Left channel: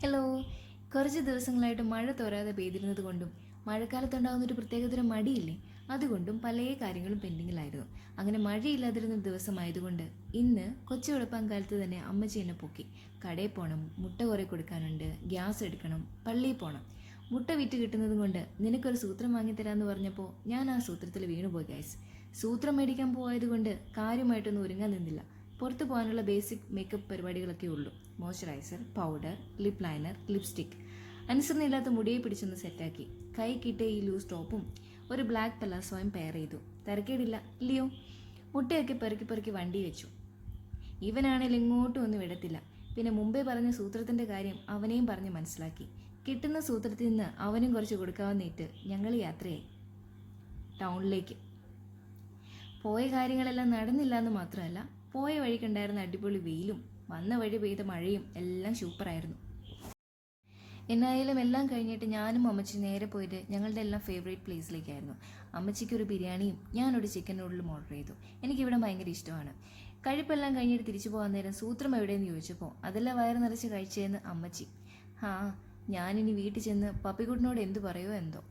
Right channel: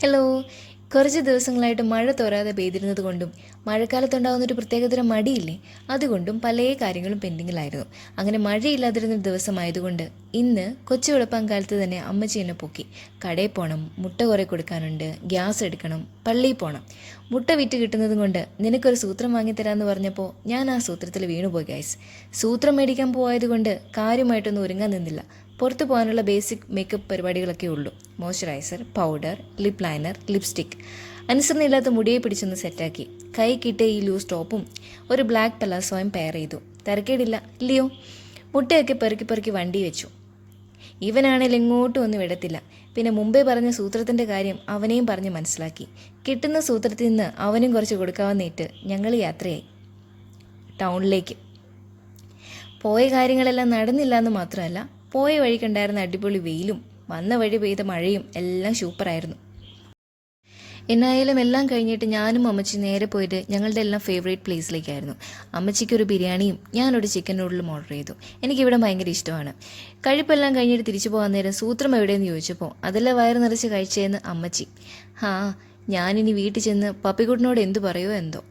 Hello കുറച്ച് ദിവസങ്ങളായിട്ട് മഴ തോരാതെ പെയ്തിരുന്നത് കൊണ്ടും മഴക്കാലത്തുണ്ടാകുന്ന ഒരു പ്രത്യേകതരം മടിയില്ലേ? അതുകൊണ്ടും പല കാര്യങ്ങളും പെൻഡിങ്ങിലായിരുന്നു. അങ്ങനെ മഴയില്ലാതിരുന്ന ദിവസമായതുകൊണ്ട് ഇന്ന് കൊച്ചു വെളുപ്പാൻ കാലത്ത് തന്നെ അമ്മച്ചി എന്നെ പൊക്കി. കടയിൽ പോകണം മുട്ട കുറേ കൊടുക്കാനുണ്ട് ഗ്യാസ് എടുക്കണം പള്ളിയിൽ പോകണം മുട്ട വിറ്റ് കിട്ടുന്നത് കൊണ്ട് നിനക്കൊരു സൂത്രം വാങ്ങിത്തരാമെന്ന് പറഞ്ഞപ്പോൾ ഞാൻ ആ സൂത്രത്തിൽ വീണുപോയി ഗൈസ് സൂത്രം മേടിക്കാൻ പോയതുകൊണ്ട് കാര്യമായിട്ടൊന്നും ഒരുങ്ങാൻ നിന്നില്ല. പുറത്ത് പോകാനുള്ള ബേസിക് മേക്കപ്പ് പരിപാടികളൊക്കെ ഉള്ളൂ. Moisturiser powder lip liner lipstick അനുസരണയില്ലാത്ത മുടിയെ പിടിച്ചൊന്ന് സെറ്റാക്കി. കൈ കിട്ടിയ ഈ ലൂസ് ടോപ്പും ഒരു ബ്ലാക്ക് പലാസോയും പെയർ ചെയ്തു. തിരക്കേടില്ല ഇല്ലയോ? മുട്ടയൊക്കെ പെറുക്കി പെറുക്കി വണ്ടി വെച്ചു. ഇവനാണെങ്കിൽ എങ്ങോട്ടും ഒന്നും വിടത്തില്ല. പിന്നെ മുമ്പേ പറഞ്ഞ സൂത്രത്തിന്റെ കാര്യം അവനെയും പറഞ്ഞ് മനസ്സിലാക്കി. കിട്ടുന്ന സൂത്രത്തിൽ നിന്ന് അവനും കുറച്ച് കൊടുക്കാവുന്നേറ്റ് ഞങ്ങൾ യാത്രയായി. ടൗണിലേക്ക്. പോയ കാര്യങ്ങളെല്ലാം നടന്നില്ല എന്ന് മാത്രമല്ല പോയ വഴിക്കുണ്ടായിരുന്ന അടിപൊളി വെയിലും വന്ന വഴി പെയ്ത മഴയും എല്ലാം സൂപ്പറായിരുന്നു. എന്നായാലും എല്ലാം കഴിഞ്ഞിട്ട് ഞാനും അമ്മച്ചി നേരെ പോയിട്ട് ഞങ്ങളുടെ എല്ലാം ഫേവറേറ്റ് പ്ലേസിലേക്കായിരുന്നു അമ്മച്ചിക്ക് ഒരു ബിരിയാണിയും ഞാനൊരു ചിക്കൻ നൂഡിലും ഓർഡർ ചെയ്തു. എനിക്കിവിടെ ഭയങ്കര ഇഷ്ടമാണ്. കഴിപ്പെല്ലാം കഴിഞ്ഞിട്ട് തിരിച്ചു പോകാൻ നേരം സൂത്രം എവിടെയെന്ന് ചോദിച്ചപ്പോൾ അതെല്ലാം വയറ് നിറച്ച് കഴിച്ചതെന്ന് അമ്മച്ചി. ഹാ ഞാനിനി വീട്ടിൽ ചെന്ന് പപ്പിക്കുട്ടിനോട് എന്തു പറയുമോ എന്തോ.